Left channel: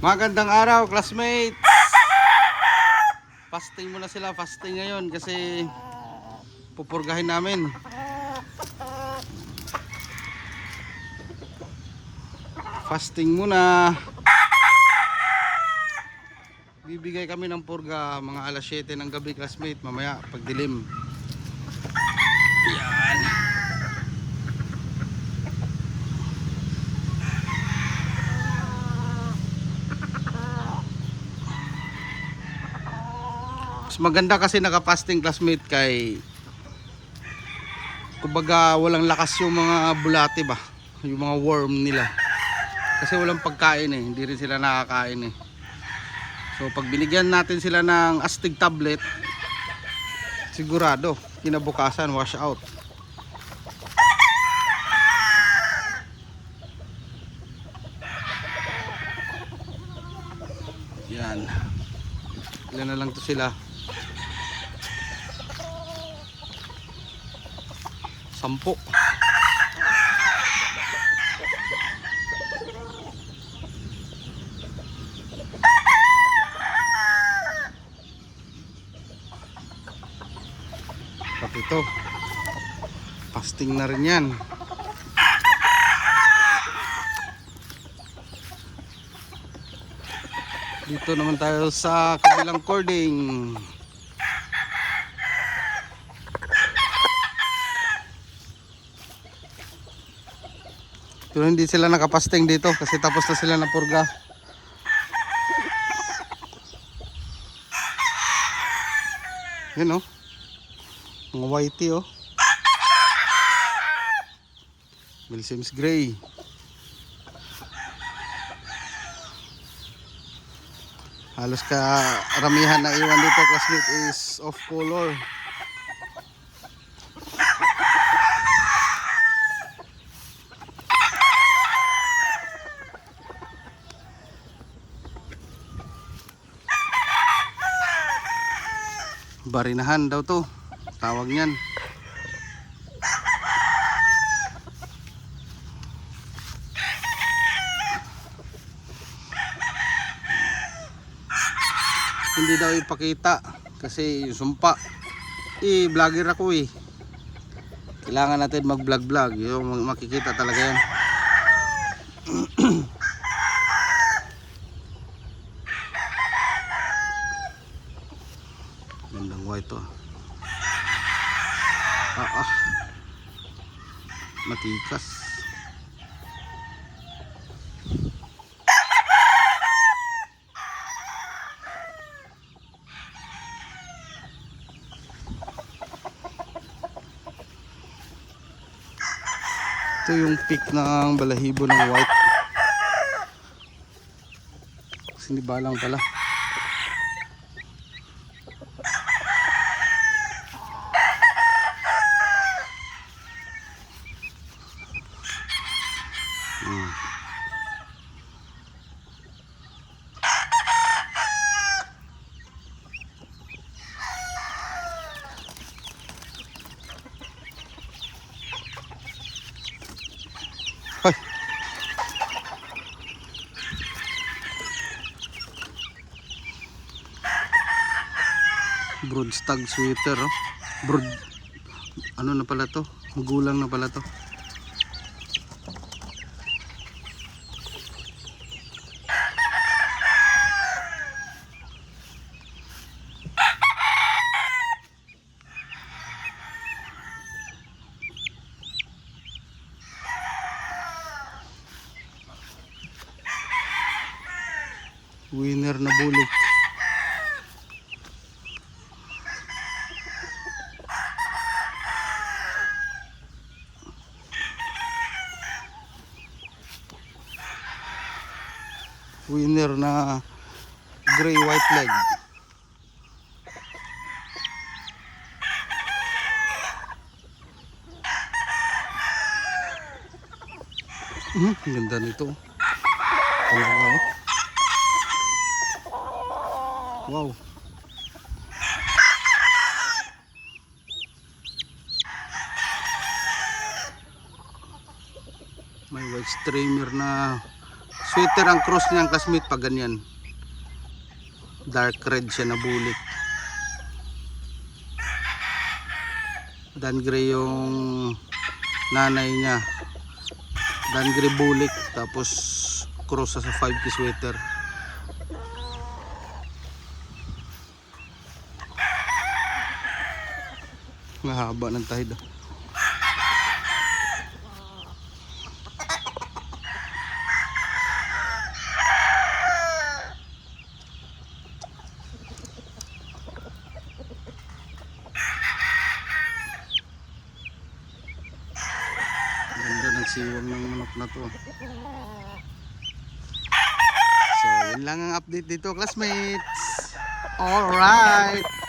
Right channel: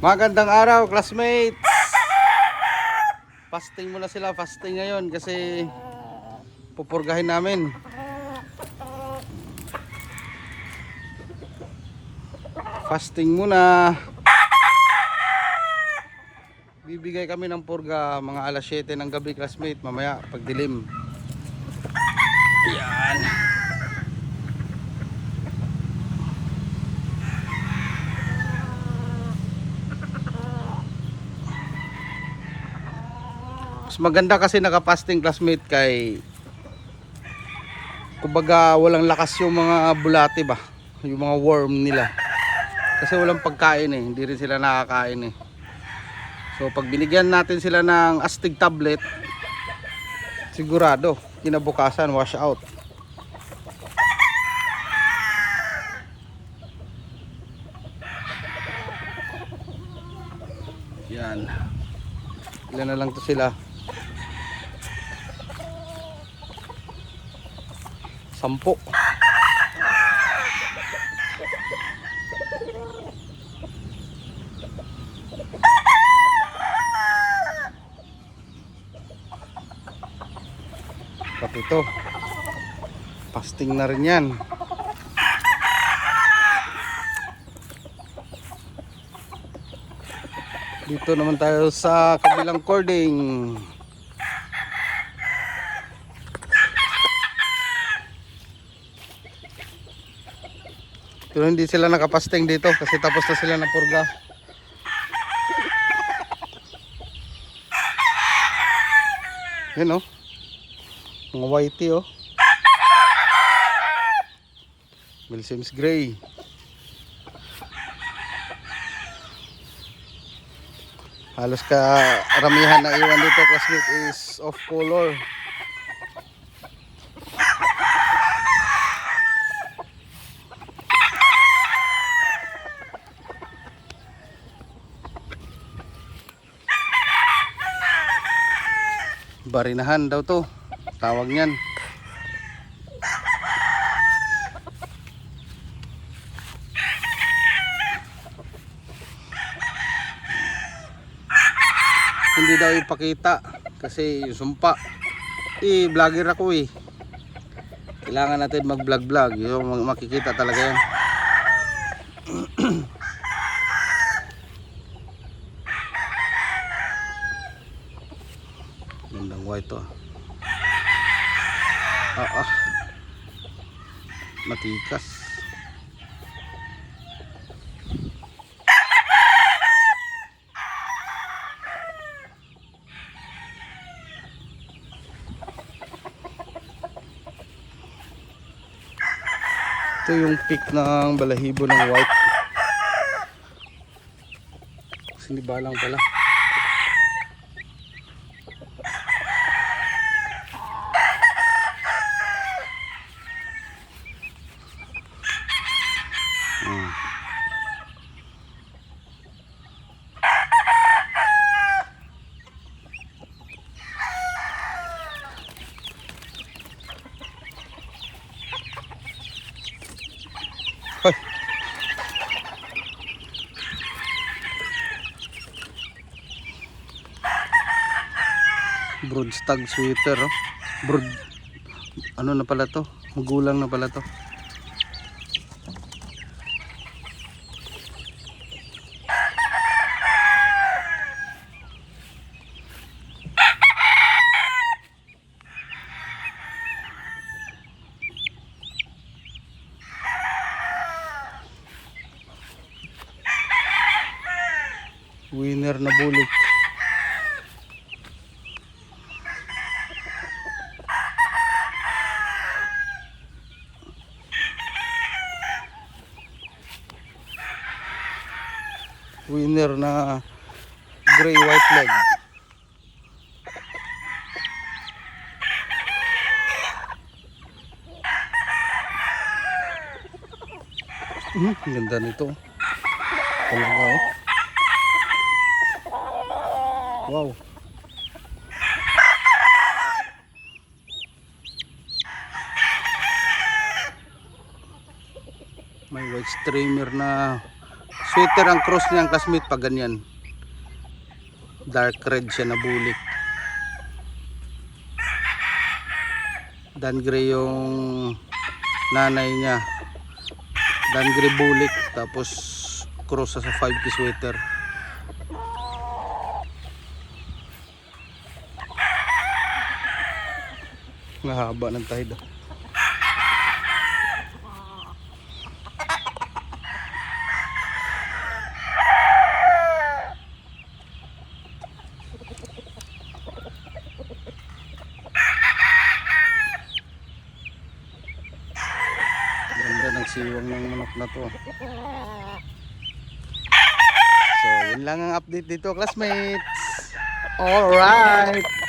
Magandang araw, classmates. Fasting muna sila, fasting ngayon kasi pupurgahin namin. Fasting muna. Bibigay kami ng purga mga alas 7 ng gabi, classmate, mamaya pagdilim. Yan. Mas maganda kasi nakapasting, classmate, kay kumbaga walang lakas yung mga bulate ba, yung mga worm nila, kasi walang pagkain hindi rin sila nakakain So pag binigyan natin sila ng astig tablet, sigurado kinabukasan wash out. Yan, ilan na lang to sila, 10. Pati ito fasting na rin yan. Dito naman tayo sa kabilang cording. Pero hindi sila nakapasting dito kasi tapos na sila na purga. Yan oh, mga whitey oh, Milsim's gray. Halos karamihan na iwan dito, classmate, is off color. Barinahan daw to, tawag niyan. Hindi daw ipakita kasi yung sumpa. Vlogger ako kailangan natin mag vlog yung makikita talaga yan. Gandang white to matikas. Ito yung peak ng balahibo ng white. Sinibalang pala. Hoy. Brood stag sweater brood, ano na pala to, magulang na pala to. Winner na bulik. Winner na gray white leg. Ganda nito talaga wow. May white streamer na Sweater ang cross niya ang classmate pag ganyan. Dark red siya na bulik. Dan gray yung nanay niya. Dan gray bulik tapos cross sa 5K sweater. Mahaba ng tahid. Ganda ng siwang ng manok na to. So yun lang ang update dito classmates. Alright.